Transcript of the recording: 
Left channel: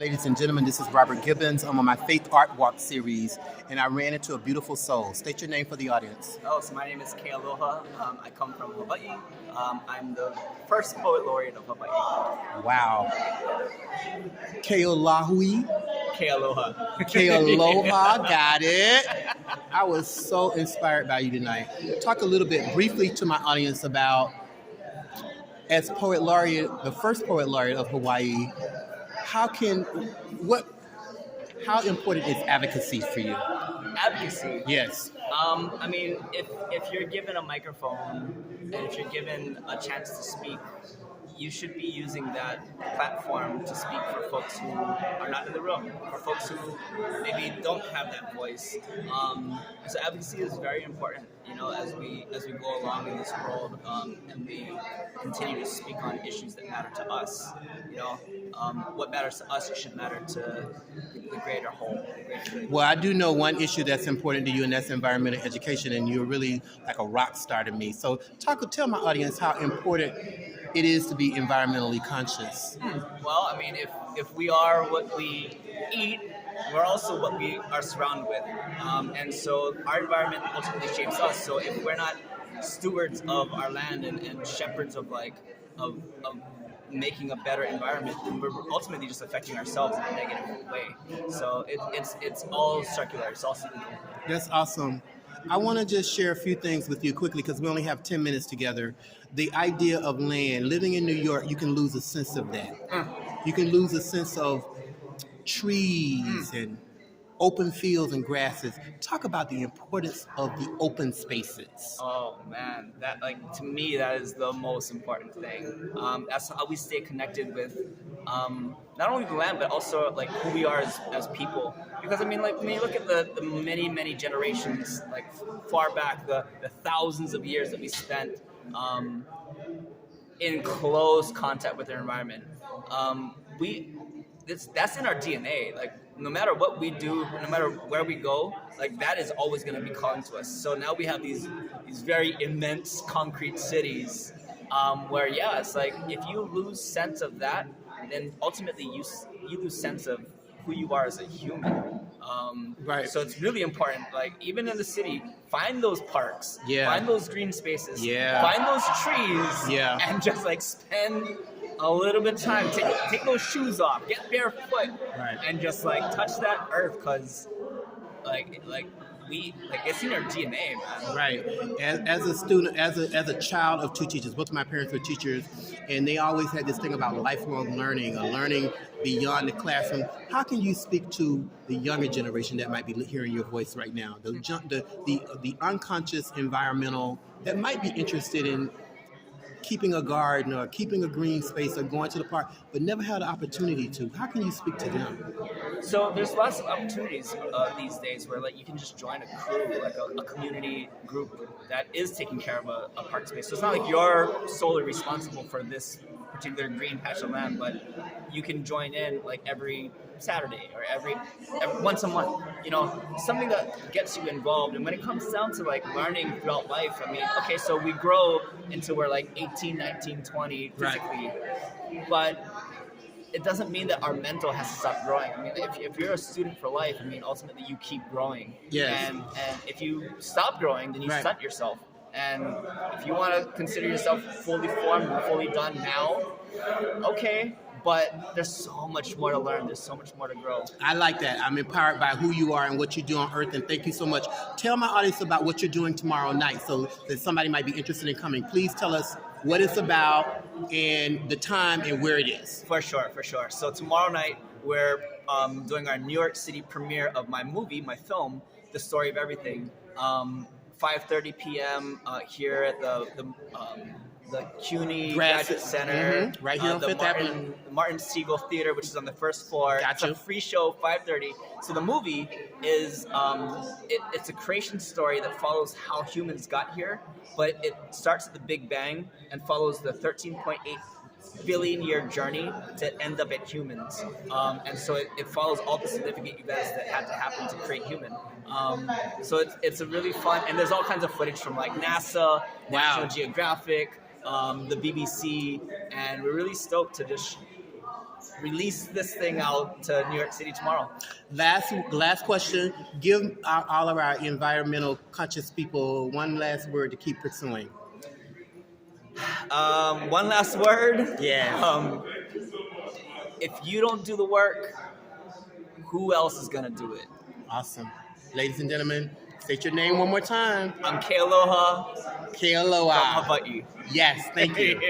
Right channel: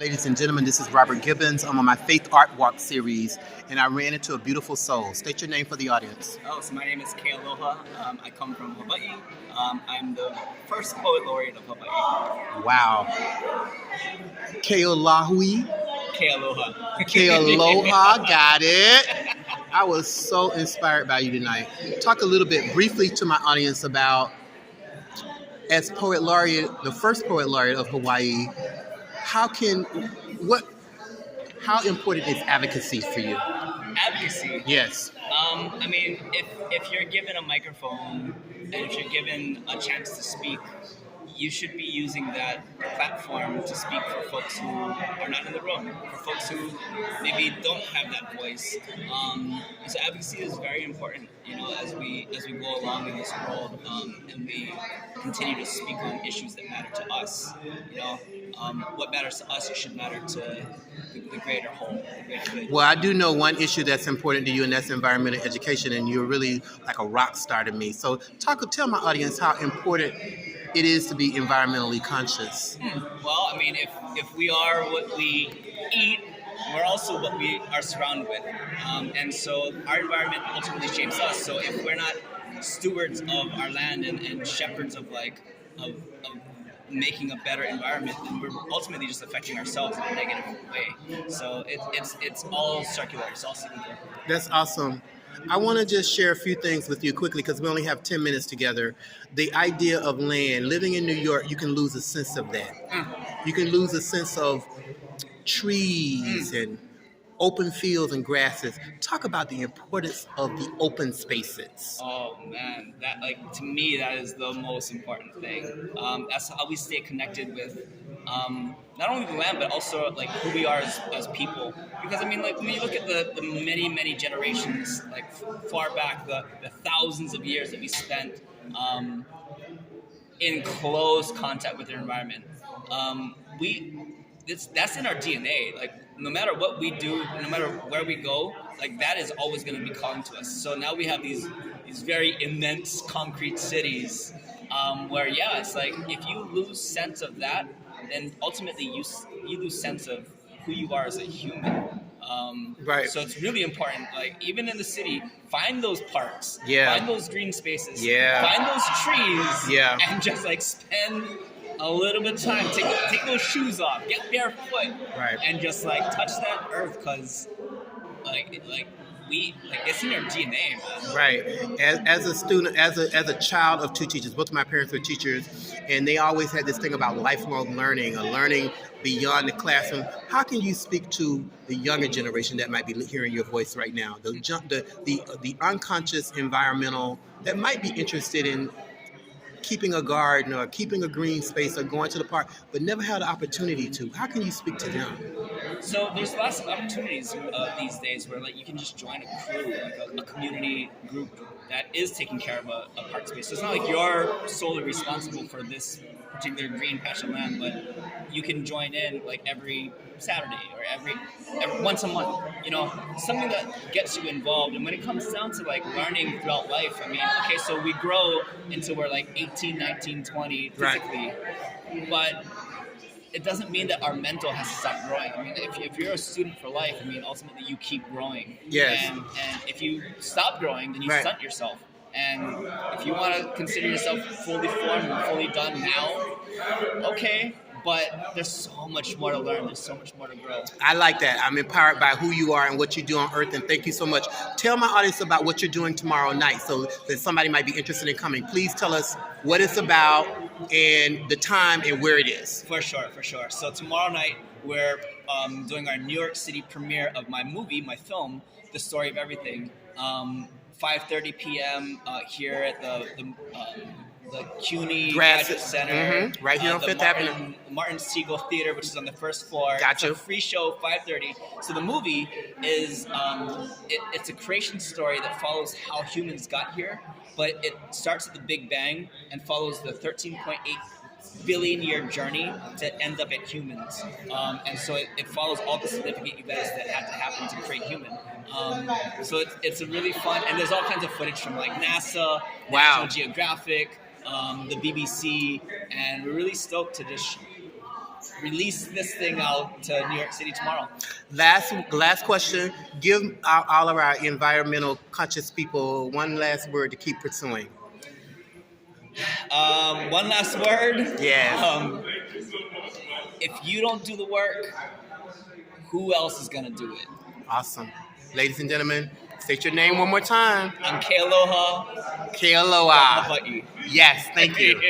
Ladies and gentlemen, this is Robert Gibbons. I'm on my Faith Art Walk series, and I ran into a beautiful soul. State your name for the audience. Oh, so my name is Kealoha. I come from Hawaii. I'm the first poet laureate of Hawaii. Wow. Keolahui. Kealoha. Kealoha, got it. I was so inspired by you tonight. Talk a little bit briefly to my audience about, as poet laureate, the first poet laureate of Hawaii, how important is advocacy for you? Advocacy. Yes. I mean, if you're given a microphone and if you're given a chance to speak, you should be using that platform to speak for folks who are not in the room, for folks who maybe don't have that voice. So advocacy is very important, as we go along in this world, and we continue to speak on issues that matter to us. What matters to us should matter to the greater whole, the greater good. Well, I do know one issue that's important to you, and that's environmental education, and you're really like a rock star to me. So tell my audience how important it is to be environmentally conscious. Well, I mean, if we are what we eat, we're also what we are surrounded with. And so our environment ultimately shapes us. So if we're not stewards of our land and shepherds of making a better environment, then we're ultimately just affecting ourselves in a negative way. So it's all circular, it's all cyclical. That's awesome. I want to just share a few things with you quickly because we only have 10 minutes together. The idea of land, living in New York, you can lose a sense of that. You can lose a sense of trees and open fields and grasses. Talk about the importance of the open spaces. Oh man, that to me that is the most important thing. That's how we stay connected with not only the land but also who we are as people. Because I mean, when you look at the many generations far back, the thousands of years that we spent in close contact with the environment, that's in our DNA. No matter what we do, no matter where we go, that is always going to be calling to us. So now we have these very immense concrete cities, where it's if you lose sense of that, then ultimately you lose sense of who you are as a human. Right. So it's really important. Even in the city, find those parks. Yeah. Find those green spaces. Yeah. Find those trees. Yeah. And just spend a little bit of time. Take those shoes off. Get barefoot. Right. And just touch that earth, because it's in our DNA, man. Right. As a student, as a child of two teachers, both of my parents were teachers, and they always had this thing about lifelong learning or learning beyond the classroom. How can you speak to the younger generation that might be hearing your voice right now, the unconscious environmental that might be interested in keeping a garden or keeping a green space or going to the park, but never had the opportunity to? How can you speak to them? So there's lots of opportunities these days where you can just join a crew, a community group that is taking care of a park space. So it's not like you're solely responsible for this particular green patch of land, but you can join in every Saturday or every once a month. Something that gets you involved. And when it comes down to learning throughout life, I mean, okay, so we grow until we're 18, 19, 20 physically, right. But it doesn't mean that our mental has to stop growing. I mean, if you're a student for life, I mean, ultimately you keep growing. Yes. And if you stop growing, then you right. stunt yourself. And if you want to consider yourself fully formed and fully done now, okay. But there's so much more to learn. There's so much more to grow. I like that. I'm empowered by who you are and what you do on Earth, and thank you so much. Tell my audience about what you're doing tomorrow night so that somebody might be interested in coming. Please tell us what it's about and the time and where it is. For sure. So tomorrow night, we're doing our New York City premiere of my movie, my film, The Story of Everything. 5:30 p.m. Here at the CUNY Graduate Center, right here on Fifth Avenue. Martin Siegel Theater, which is on the first floor. Gotcha. It's a free show, 5:30. So the movie is it's a creation story that follows how humans got here, but it starts at the Big Bang and follows the 13.8 billion year journey to end up at humans. And so it follows all the significant events that had to happen to create human. So it's a really fun, and there's all kinds of footage from NASA, wow. National Geographic, the BBC, and we're really stoked to just release this thing out to New York City tomorrow. Last question. Give all of our environmental conscious people one last word to keep pursuing. One last word. Yes. If you don't do the work, who else is gonna do it? Awesome. Ladies and gentlemen, state your name one more time. I'm Kealoha. Kealoha. Hawaii. Yes, thank you.